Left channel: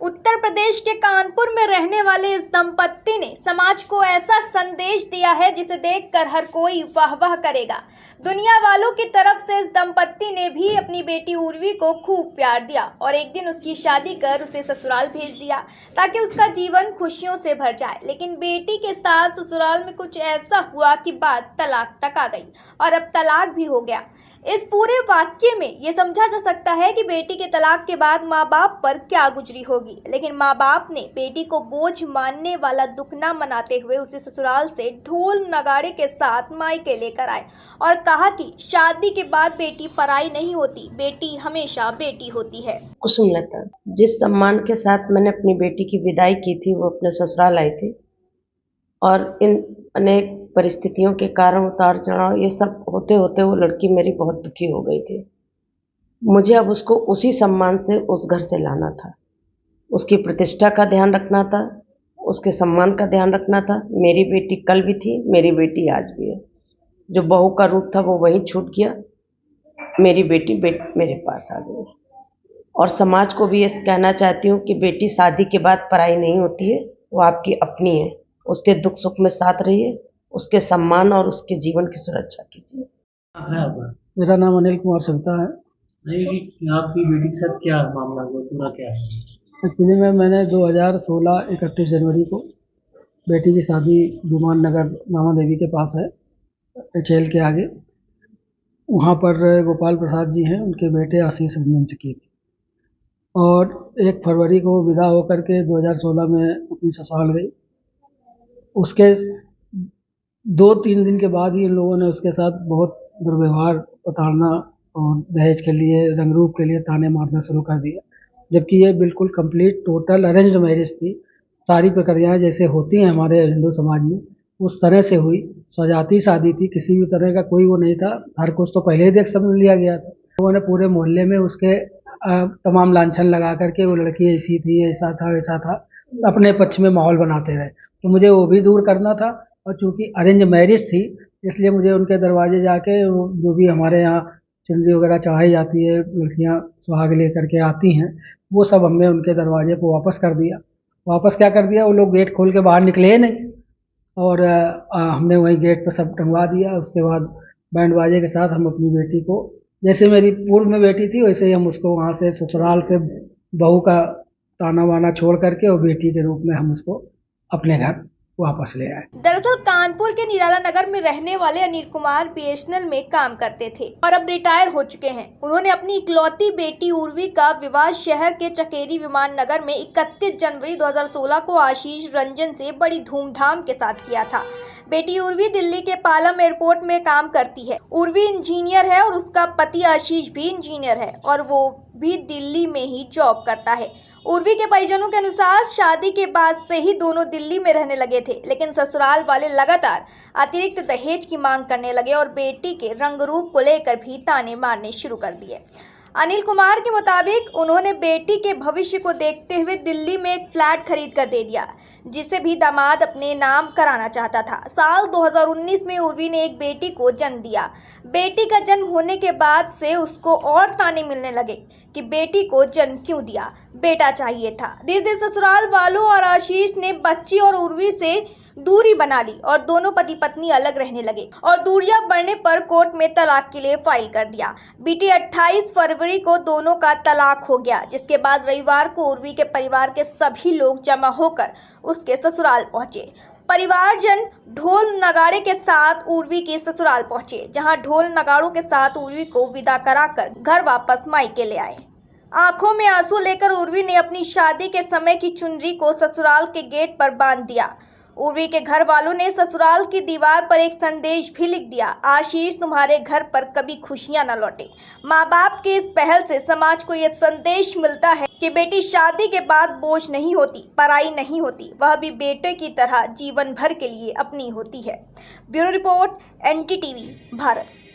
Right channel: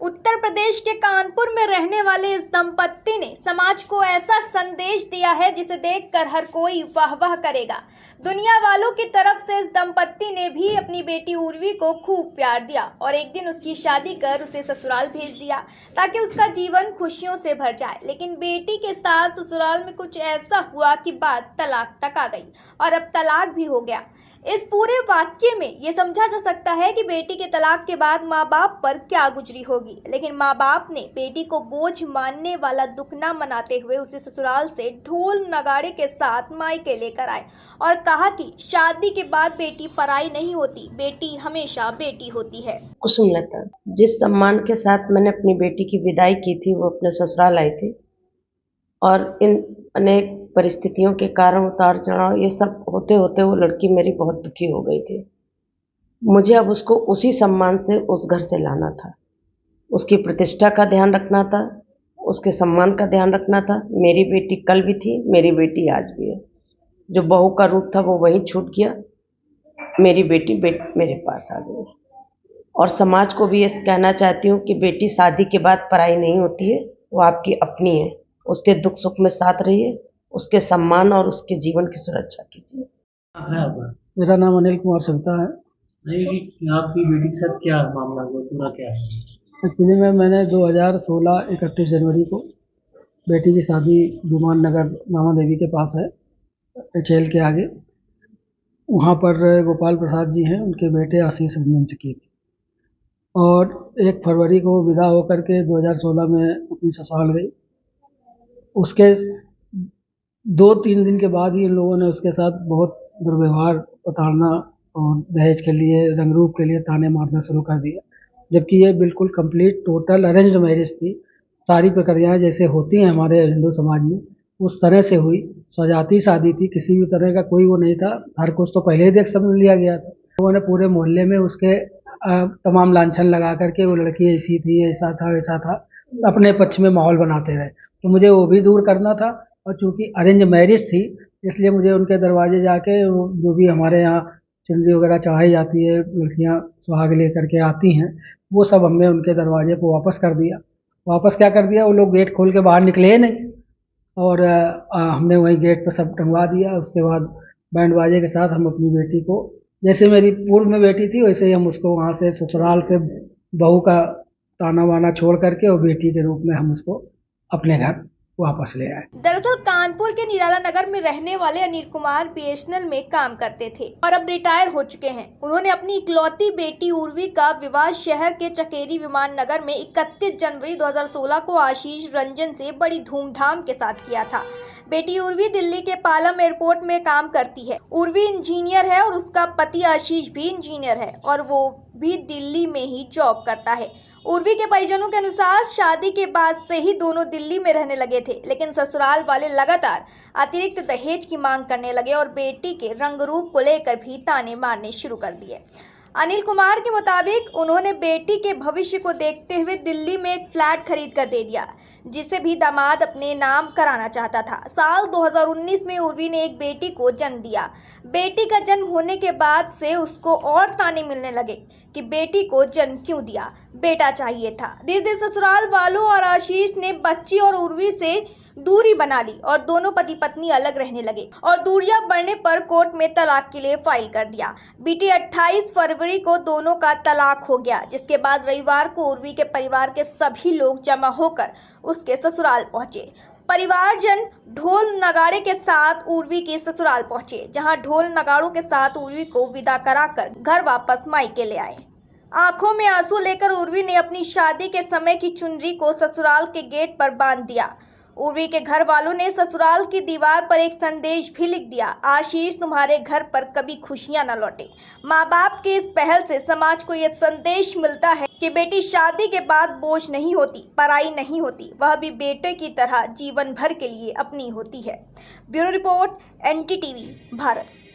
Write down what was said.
उत्तर प्रदेश के कानपुर में रहने वाले इस दंपत्ति ने समाज को ऐसा संदेश दिया है जिसे देखकर हर कोई वाह वाह करेगा। दुनिया वालों की तरफ से इस दंपत्ति ने भी अपनी बेटी उर्वी को खूब प्यार दिया और एक दिन उसकी शादी कर उसे ससुराल भेज दिया ताकि उसका जीवन खुशियों से भर जाए। लेकिन बेटी के साथ ससुराल में कुछ ऐसा हुआ कि बात तलाक तक आ गई और अब तलाक भी हो गया। इस पूरे वाक्य में ये समझा जा सकता है कि बेटी के तलाक के बाद माँ बाप पर क्या गुजरी होगी, लेकिन माँ बाप ने बेटी को बोझ मानने वाला दुख न मनाते हुए उसे ससुराल से ढोल नगाड़े के साथ मायके लेकर आए और कहा कि शादी के बाद बेटी पराई नहीं होती, बेटी हमेशा बेटी होती है। कुसुमलता, जिस सम्मान के साथ मैंने अपनी बेटी की विदाई की थी वो अपने ससुराल आई थी और इन अनेक परिस्थितियों के कारण उतार चढ़ाव ये सब होते होते वो लड़की मेरी बहुत दुखी हो गई थी। मुझे अब उसको उसी सम्मान से उस घर से लाना था, उसकी प्रतिष्ठा का ध्यान रखना था, उसके सम्मान का ध्यान रखना था। मेरी बेटी कल भी थी, मेरी बेटी आज भी है। जो बहू का रूप था वो वहीं छूट गया, मेरी बेटी मेरे पास आ गई। और समाज को भी ये कहना चाहती हूँ कि बेटी शादी के बाद पराई नहीं होती है, वो आपकी अपनी है। उसके दुख सुख में साथ रहिए, उसके सम्मान और उसके जीवन की सुरक्षा कीजिए। मेरा नाम अनिल कुमार सविता है। नहीं कि आपकी बेटी के साथ क्या मामला हुआ, पूरा क्या है? एक्चुअली में मैंने 2016 31 जनवरी को बेटी की शादी गुमान नगर मामा देवी के पास है, एचएल के आगे, वहाँ पर गोपाल प्रसाद जी हैं, उनके बेटे आशीष रंजन से की थी। और 1 फरवरी को विदा होकर के 2016 में अपनी ससुराल गई। उसके 2-3 दिन के बाद ही इन लोगों ने उसके साथ बहुत दुर्व्यवहार, प्रताड़ना और दहेज के लिए, रंग रूप के लिए ताने मारना शुरू कर दिया, जबकि ये बिल्कुल कंप्लीट टोटल अरेंज्ड मैरिज थी। सारी प्रक्रियाएं जैसे होती हैं हमारे हिंदू समाज में उस तरह से हुई। स्वजाती शादी थी, किसी भी तरह का कोई वो नहीं था। हर कुछ तो पहले ही देख समझ लिया गया था। लोगों ने पूरे मोहल्ले में उसके तमाम लांछन लगा करके वो लड़की ऐसी थी, ऐसा था, वैसा था, अपने पक्ष में माहौल बनाते रहे। तो मुझे वो भी दूर करना था और चूँकि अरेंज मैरिज थी इसलिए मुझे उनके दरवाजे जाके जो भी हमारे यहाँ चुनरी वगैरह चढ़ाई जाती है, लड़कियाँ सुहाग लेकर के आती हैं, वो सब हमने उनके दरवाजे को वापस कर दिया। वापस क्या कर दिया, वो लोग गेट खोल के बाहर निकले ही नहीं और हमने वहीं गेट पर सब टंगवा दिया। उसके बाद बैंड बाजे के साथ हम अपनी बेटी को, जैसे मेरी पूर्व में बेटी थी वैसे ही हम उसको वहाँ से ससुराल से बहू का ताना वाना छोड़ करके और बेटी के रूप में हम उसको अपने घर वापस ले आए। दरअसल कानपुर के निराला नगर में रहने वाले अनिल कुमार बीएसएनएल में काम करते थे और अब रिटायर हो चुके हैं। उन्होंने अपनी इकलौती बेटी उर्वी का विवाह शहर के चकेरी विमान नगर में 31 जनवरी 2016 को आशीष रंजन से बड़ी धूमधाम के साथ किया था। बेटी उर्वी दिल्ली के पालम एयरपोर्ट में काम करती है। उर्वी इंजीनियर है और उसका पति आशीष भी इंजीनियर है और वो भी दिल्ली में ही जॉब करता है। उर्वी के परिजनों के अनुसार शादी के बाद से ही दोनों दिल्ली में रहने लगे थे, लेकिन ससुराल वाले लगातार अतिरिक्त दहेज की मांग करने लगे और बेटी के रंग रूप को लेकर भी ताने मारने शुरू कर दिए। अनिल कुमार के मुताबिक उन्होंने बेटी के भविष्य को देखते हुए दिल्ली में एक फ्लैट खरीद कर दे दिया, जिसे भी दामाद अपने नाम कराना चाहता था। साल 2019 में उर्वी ने एक बेटी को जन्म दिया। बेटी का जन्म होने के बाद से उसको और ताने मिलने लगे कि बेटी को जन्म क्यों दिया, बेटा चाहिए था। धीरे धीरे ससुराल वालों और आशीष ने बच्ची और उर्वी से दूरी बना ली और दोनों पति पत्नी अलग रहने लगे और दूरियां बढ़ने पर कोर्ट में तलाक के लिए फाइल कर दिया। बीती 28 फरवरी को दोनों का तलाक हो गया, जिसके बाद रविवार को उर्वी के परिवार के सभी लोग जमा होकर उसके ससुराल पहुंचे। परिवारजन ढोल नगाड़े के साथ उर्वी के ससुराल पहुंचे, जहां ढोल नगाड़ों के साथ उर्वी को विदा कराकर घर वापस मायके ले आए। आंखों में आंसू लेकर उर्वी ने अपनी शादी के समय की चुनरी को ससुराल के गेट पर बांध दिया। उर्वी के घर वालों ने ससुराल की दीवार पर एक संदेश भी लिख दिया, आशीष तुम्हारे घर पर कभी खुशियां न लौटे। माँ बाप के इस पहल से समाज को यह संदेश मिलता है कि बेटी शादी के बाद बोझ नहीं होती, पराई नहीं होती, वह भी बेटे की तरह जीवन भर के लिए अपनी होती है। Bureau report, NTTV, Bharat.